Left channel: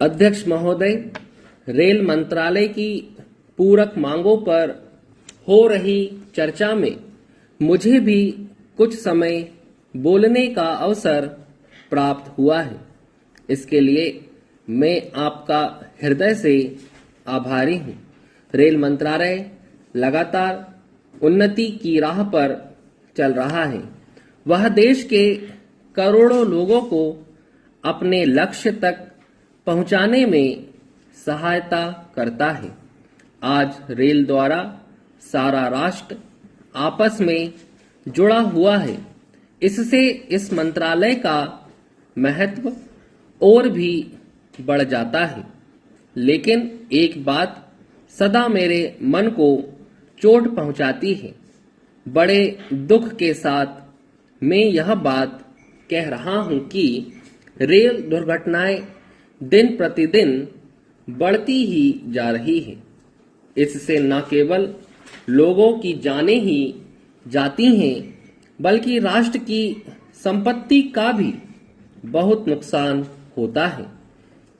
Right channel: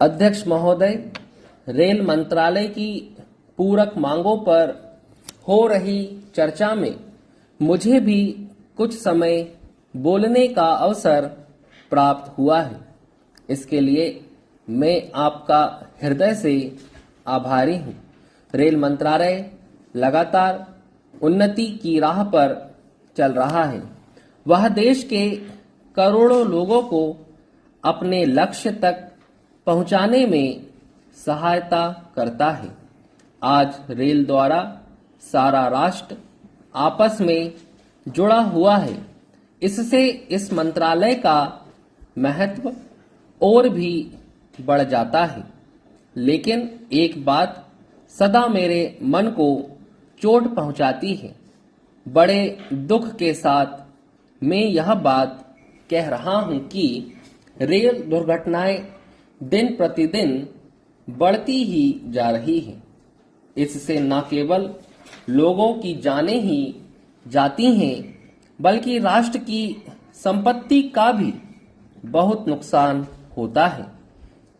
अध्यक्ष महोदय, रेल मंत्रालय की पूरक मांगों पर हो रही चर्चा में मुझे भी कुछ समय बोलने का अवसर प्राप्त हुआ है। इसके लिए मैं आपका हृदय से आभारी हूँ। रेल मंत्रालय लगातार उन्नति की राह पर चल रहा है। वह देश के करोड़ों लोगों को अपने लक्ष्य तक पहुंचाने में सहायता करता है। आज रेल द्वारा सारा राष्ट्र आपस में जुड़ा हुआ है। इससे इस मंत्रालय का महत्व और भी बढ़ जाता है। लेकिन एक बात सदा मेरे मन को चोट पहुंचाती है। बड़े दुख के साथ मैं यह बात कह रहा हूं कि रेल दुर्घटनाएं दिन प्रतिदिन बढ़ती ही जा रही है। इससे न केवल लोगों की जानें ही जाती हैं, बल्कि राष्ट्र की संपत्ति का भी बहुत नुकसान होता है।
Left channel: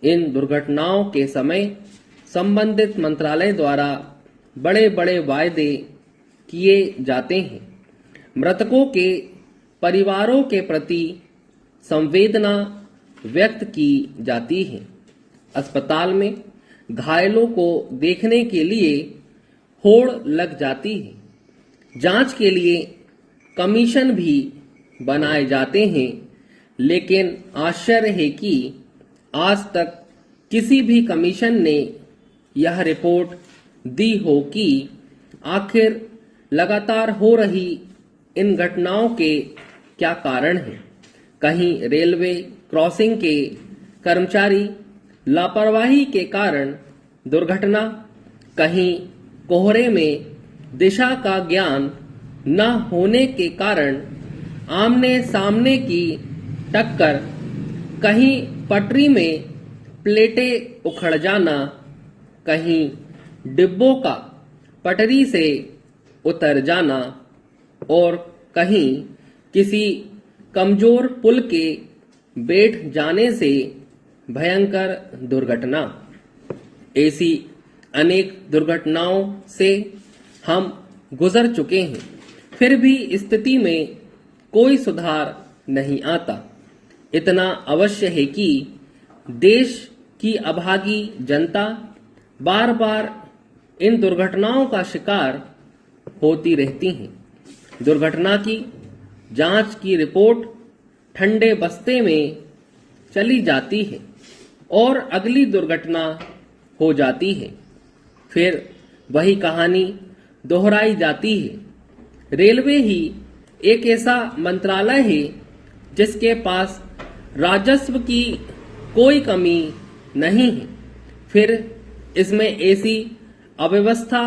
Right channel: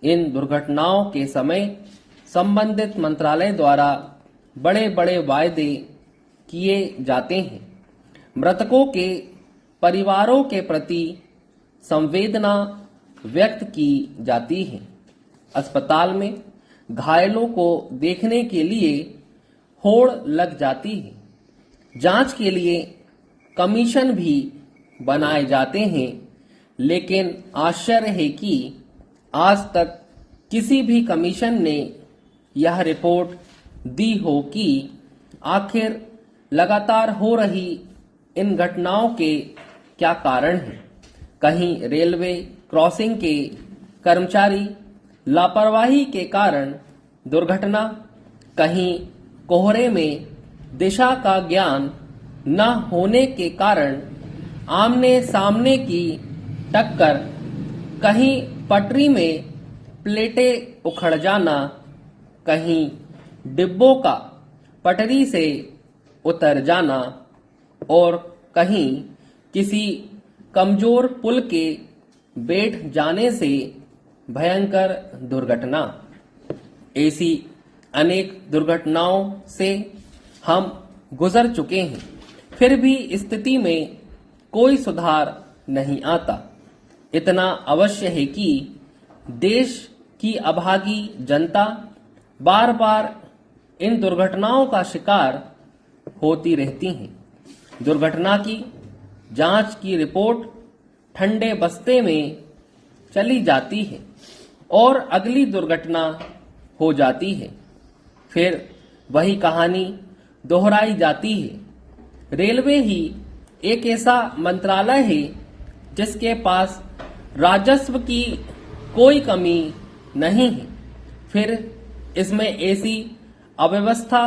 इन दुर्घटनाओं के समय संबंधित मंत्रालय द्वारा बड़े बड़े वायदे किए जाते हैं। मृतकों के परिवारों के प्रति संवेदना व्यक्त की जाती है। अस्पताल में घायलों को देखने के लिए होड़ लग जाती है। जांच के लिए कमीशन भी बनाए जाते हैं, लेकिन आश्चर्य है कि आज तक किसी भी कमीशन ने यह रिपोर्ट दी हो कि आखिर लगातार हो रही इन घटनाओं के क्या कारण हैं। कहीं रेलवे क्रॉसिंग के कर्मचारी लापरवाही के कारण दुर्घटना, कहीं कोहरे में दिशा का ज्ञान न होने के कारण आमने सामने की टक्कर, कहीं पटरी में प्लेटें उखड़ जाना, कहीं डिब्बों का पटरी से उतर जाना और कहीं किसी कमजोर पुल के बैठ जाने से भयंकर दुर्घटना। ऐसी अनेक दुर्घटनाओं से हम गुजर चुके हैं, फिर भी स्थिति में कोई सुधार नहीं आता। इतना अवश्य है कि देश की अभागी जनता बार बार इन दुर्घटनाओं का शिकार होती रहती है। दुर्घटना की जांच की रिपोर्ट ठंडे बस्ते में चली जाती है और अगली दुर्घटना हो जाती है। फिर वही कहानी दोहराई जाती है। रेलवे ही एक ऐसा मंत्रालय है जिसके पास राजस्व की कोई कमी नहीं है। फिर इसमें ऐसी अव्यवस्था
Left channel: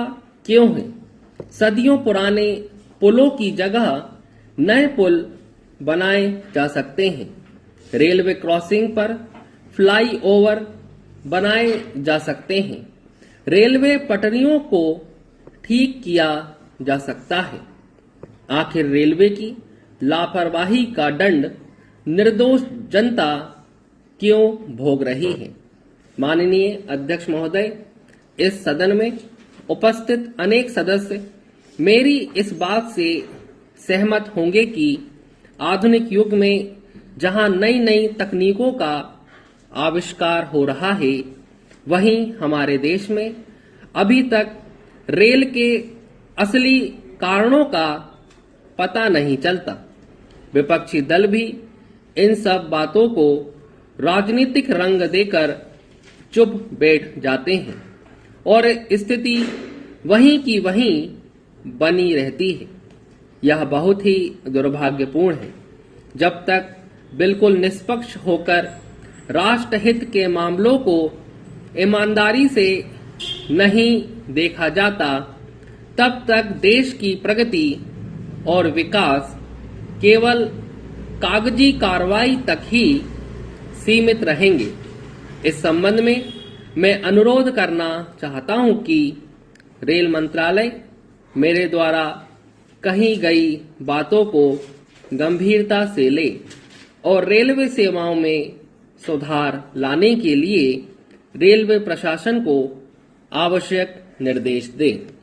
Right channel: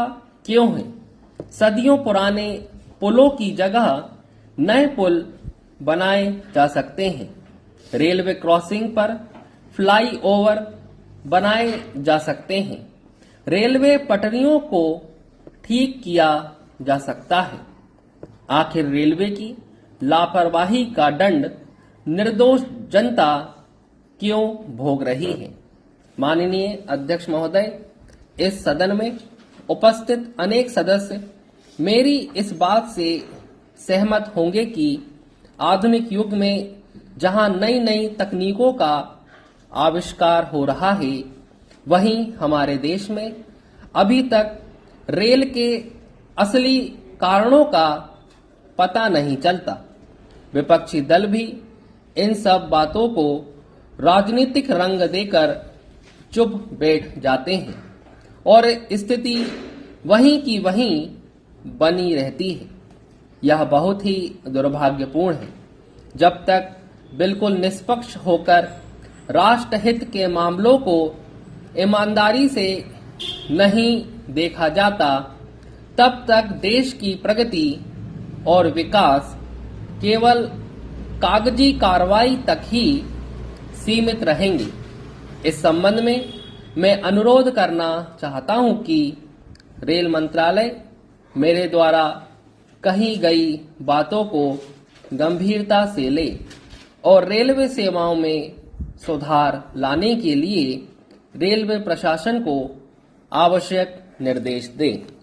क्यों है? सदियों पुराने पुलों की जगह नए पुल बनाए जा सकते हैं। रेलवे क्रॉसिंग पर फ्लाईओवर बनाए जा सकते हैं। रेलवे पटरियों को ठीक किया जा सकता है। आखिर रेलवे की लापरवाही का दंड निर्दोष जनता क्यों भोग रही है? माननीय अध्यक्ष महोदय, इस सदन में उपस्थित अनेक सदस्य मेरी इस बात से सहमत होंगे कि आधुनिक युग में जहां नई नई तकनीकों का आविष्कार हो रहा है, वहीं हमारे देश में अभी तक रेल के असली कारणों का पता नहीं चलता। विपक्षी दल भी इन सब बातों को राजनीतिक रंग देकर चुप बैठ जाते हैं और स्थिति वहीं की वहीं बनी रहती है। यह बहुत ही दुर्भाग्यपूर्ण है। जब तक बिल्कुल निष्पक्ष होकर राष्ट्रहित के मामलों को ईमानदारी से नहीं देखा जाता, तब तक देश की प्रगति और विकास केवल कागजी कार्रवाई तक ही सीमित रहेंगे। इस संबंध में मैं अनुरोध करना चाहता हूं कि रेल मंत्रालय मेरे द्वारा कही गई बातों को गंभीरता से ले और रेलवे सेवाओं में सुधार लाने के लिए रेलवे प्रशासन को आवश्यक निर्देश दें।